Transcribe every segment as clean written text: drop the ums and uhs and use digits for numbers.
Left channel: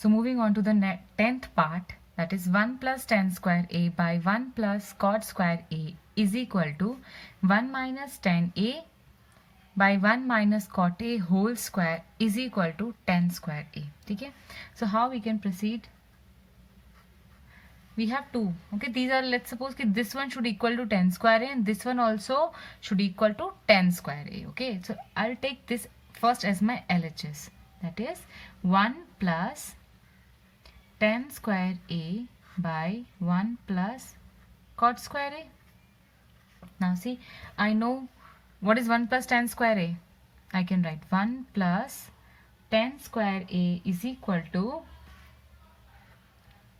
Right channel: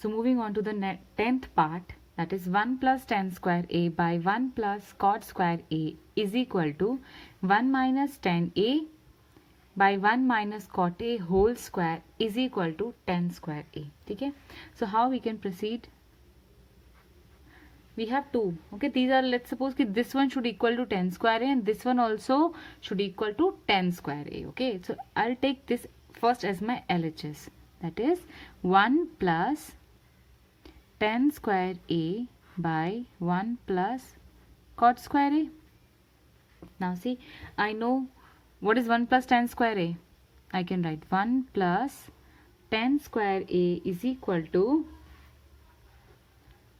So moving on to the 10th part, that is 1 plus tan square a by 1 plus cot square a is equal to 1 minus tan a by 1 minus cot a whole square is equal to tan square a. ठीक है? So how we can proceed? We have two. Okay, these are, let's suppose that this one should equal to tan square a and this one also should equal to tan square a. Okay, so I'll take this first as my LHS. That is 1 plus tan square a by 1 plus cot square a. Now see, I know what is 1 plus tan square a. I can write 1 plus tan square a is equal to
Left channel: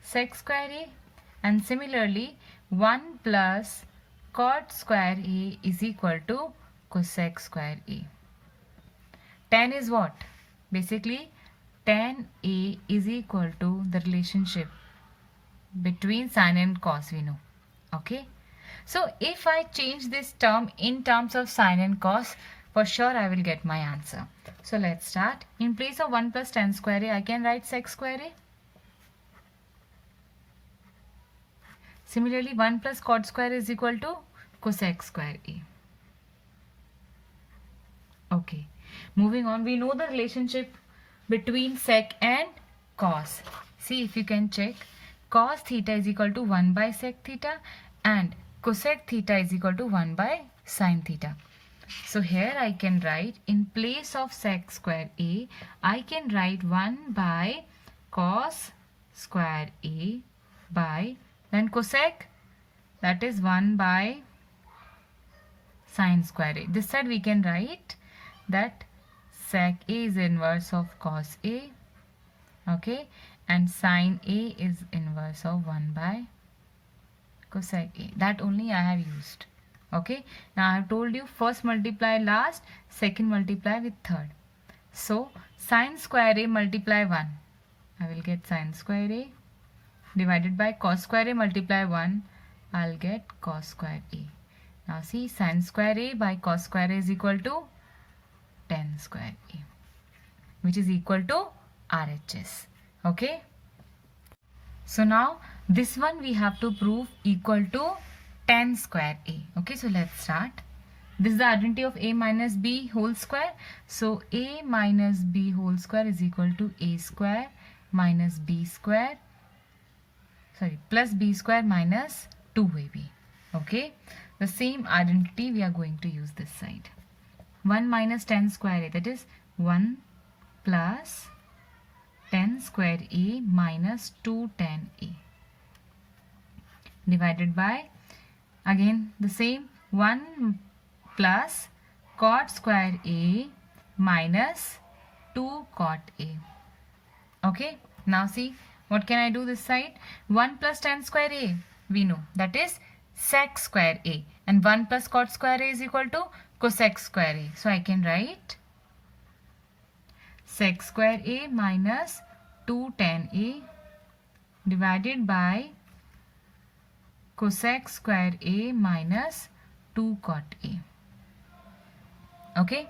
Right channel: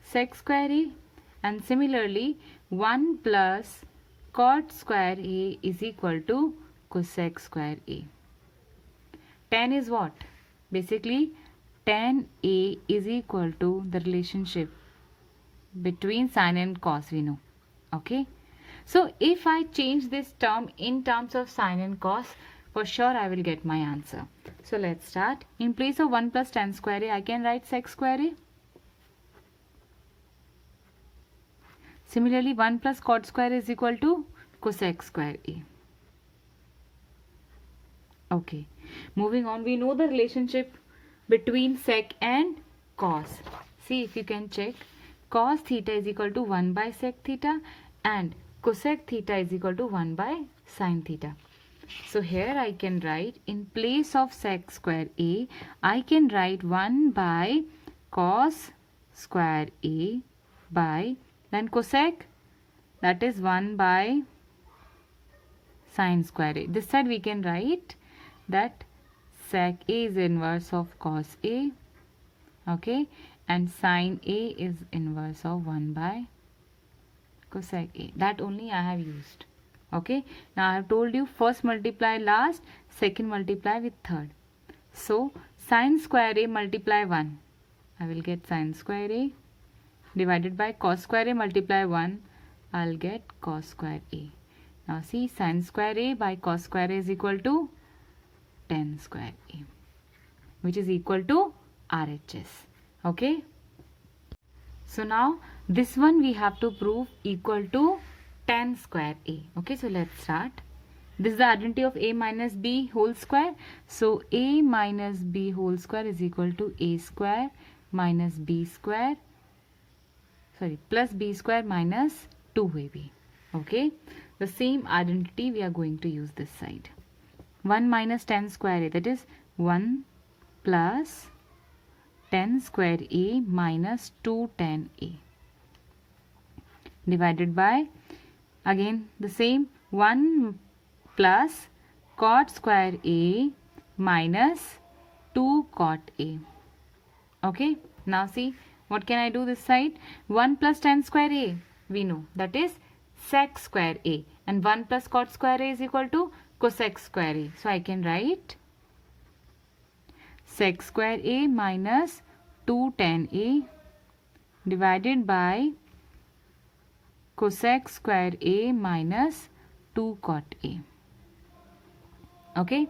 sec square a, and similarly 1 plus cot square a is equal to cosec square a. Tan is what? Basically tan a is equal to the relationship between sin and cos, we know. Okay, so if I change this term in terms of sin and cos, for sure I will get my answer. So let's start. In place of 1 plus tan square a, I can write sec square a. Similarly 1 plus cot square is equal to cosec square a. Okay, moving on, we know the relationship between sec and cos. See if you can check. Cos theta is equal to 1 by sec theta and cosec theta is equal to 1 by sin theta. So here I can write, in place of sec square a, I can write 1 by cos square a by, then cosec, that is 1 by sin square a. This side we can write that sec a is inverse of cos a, okay, and sin a is inverse of 1 by cosec a. That only I have used. Okay, now I have told you first multiply last, second multiply with third. So sin square a multiply 1, I will get sin square a, divided by cos square a multiply 1, I'll get cos square a. Now see, sin square a by cos square a is equal to tan square a, which is equal to RHS. Okay, so now this one we have to prove equal to tan square a. Okay, so let's start. This is the identity of a minus b whole square. So a minus b whole square is equal to a square minus b square, sorry, plus b square minus 2ab. Okay, the same identity we are going to use this side. 1 minus tan square a, that is 1 plus tan square a minus 2 tan a, divided by, again the same, 1 plus cot square a minus 2 cot a. Okay, now see, what can I do this side? 1 plus tan square a, we know, that is sec square a, and 1 plus cot square a is equal to cosec square a. So I can write sec square a minus 2 tan a divided by cosec square a minus 2 cot a. Okay,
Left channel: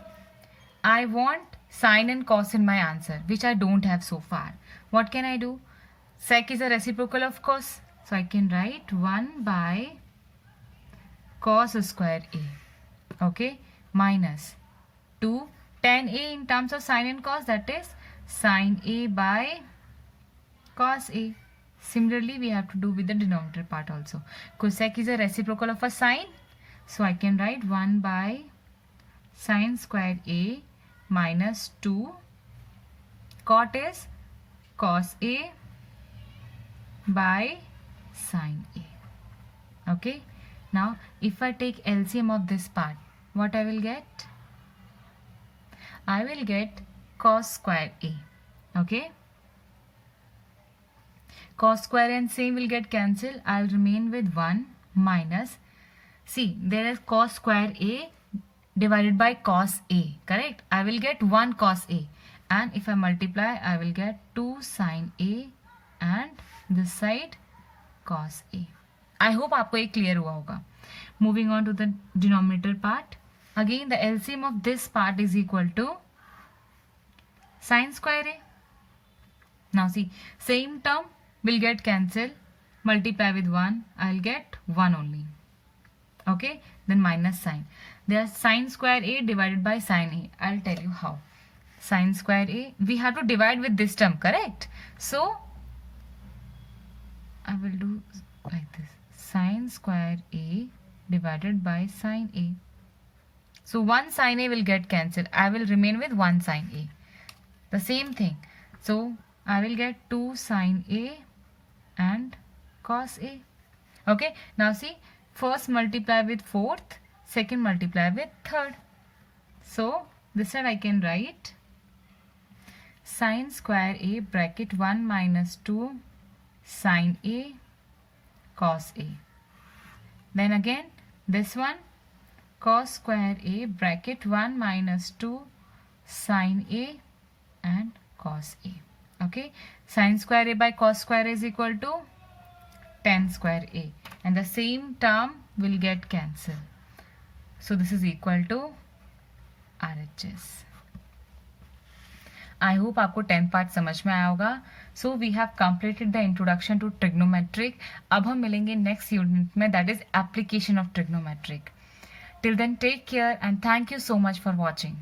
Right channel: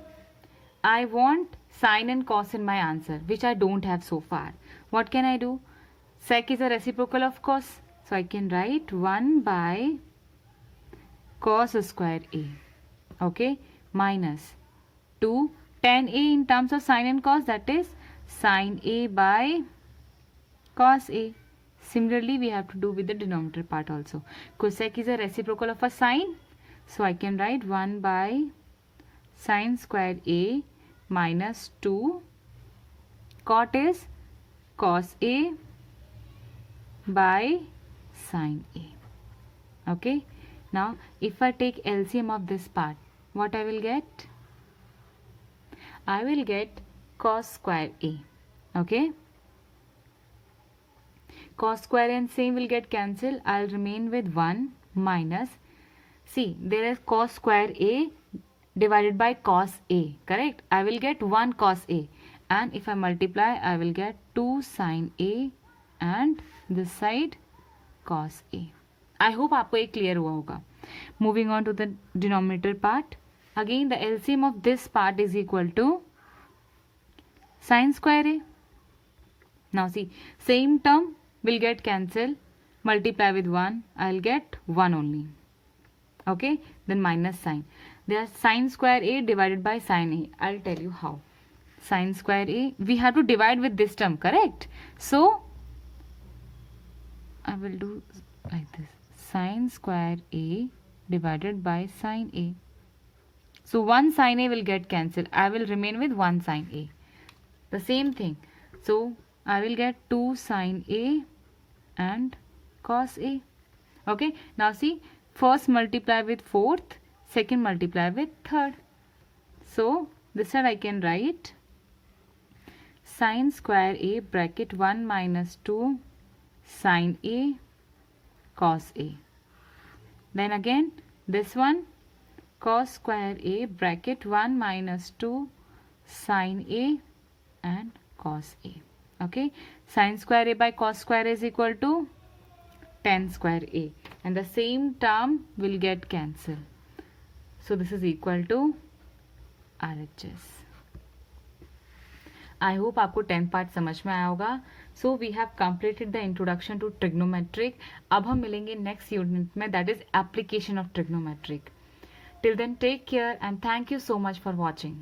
I want sin and cos in my answer, which I don't have so far. What can I do? Sec is a reciprocal of cos, so I can write 1 by cos square a, okay, minus 2 tan a in terms of sin and cos, that is sin a by cos a. Similarly we have to do with the denominator part also. Cosec is a reciprocal of a sin, so I can write 1 by sin square a minus 2 cot is cos a by sin a. Okay, now if I take LCM of this part, what I will get? I will get cos square a. Okay, cos square and same will get cancelled. I'll remain with 1 minus, see, there is cos square a divided by cos a, correct? I will get 1 cos a, and if I multiply I will get 2 sin a and this side cos a. I hope आपको ये clear हुआ होगा. Moving on to the denominator part. Again the LCM of this part is equal to sin square a. Now see, same term will get cancelled. Multiply with 1, I'll get 1 only. Okay, then minus sign. There's sine square a divided by sine a. I'll tell you how. Sine square a, we have to divide with this term, correct? So I will do like this. Sine square a divided by sine a. So 1 sine a will get cancelled. I will remain with 1 sine a. The same thing. So I will get 2 sine a and cos a. Okay, now see, first multiply with fourth, second multiply with third. So this side I can write sine square a bracket 1 minus 2 sine a cos a. Then again this one cos square a bracket 1 minus 2 sine a and cos a. Okay, sine square a by cos square a is equal to tan square a, and the same term will get cancelled. So this is equal to RHS. I hope आपको 10 part समझ में आया होगा. So we have completed the introduction to trigonometric. अब हम मिलेंगे next unit में, that is application of trigonometric. Till then take care and thank you so much for watching.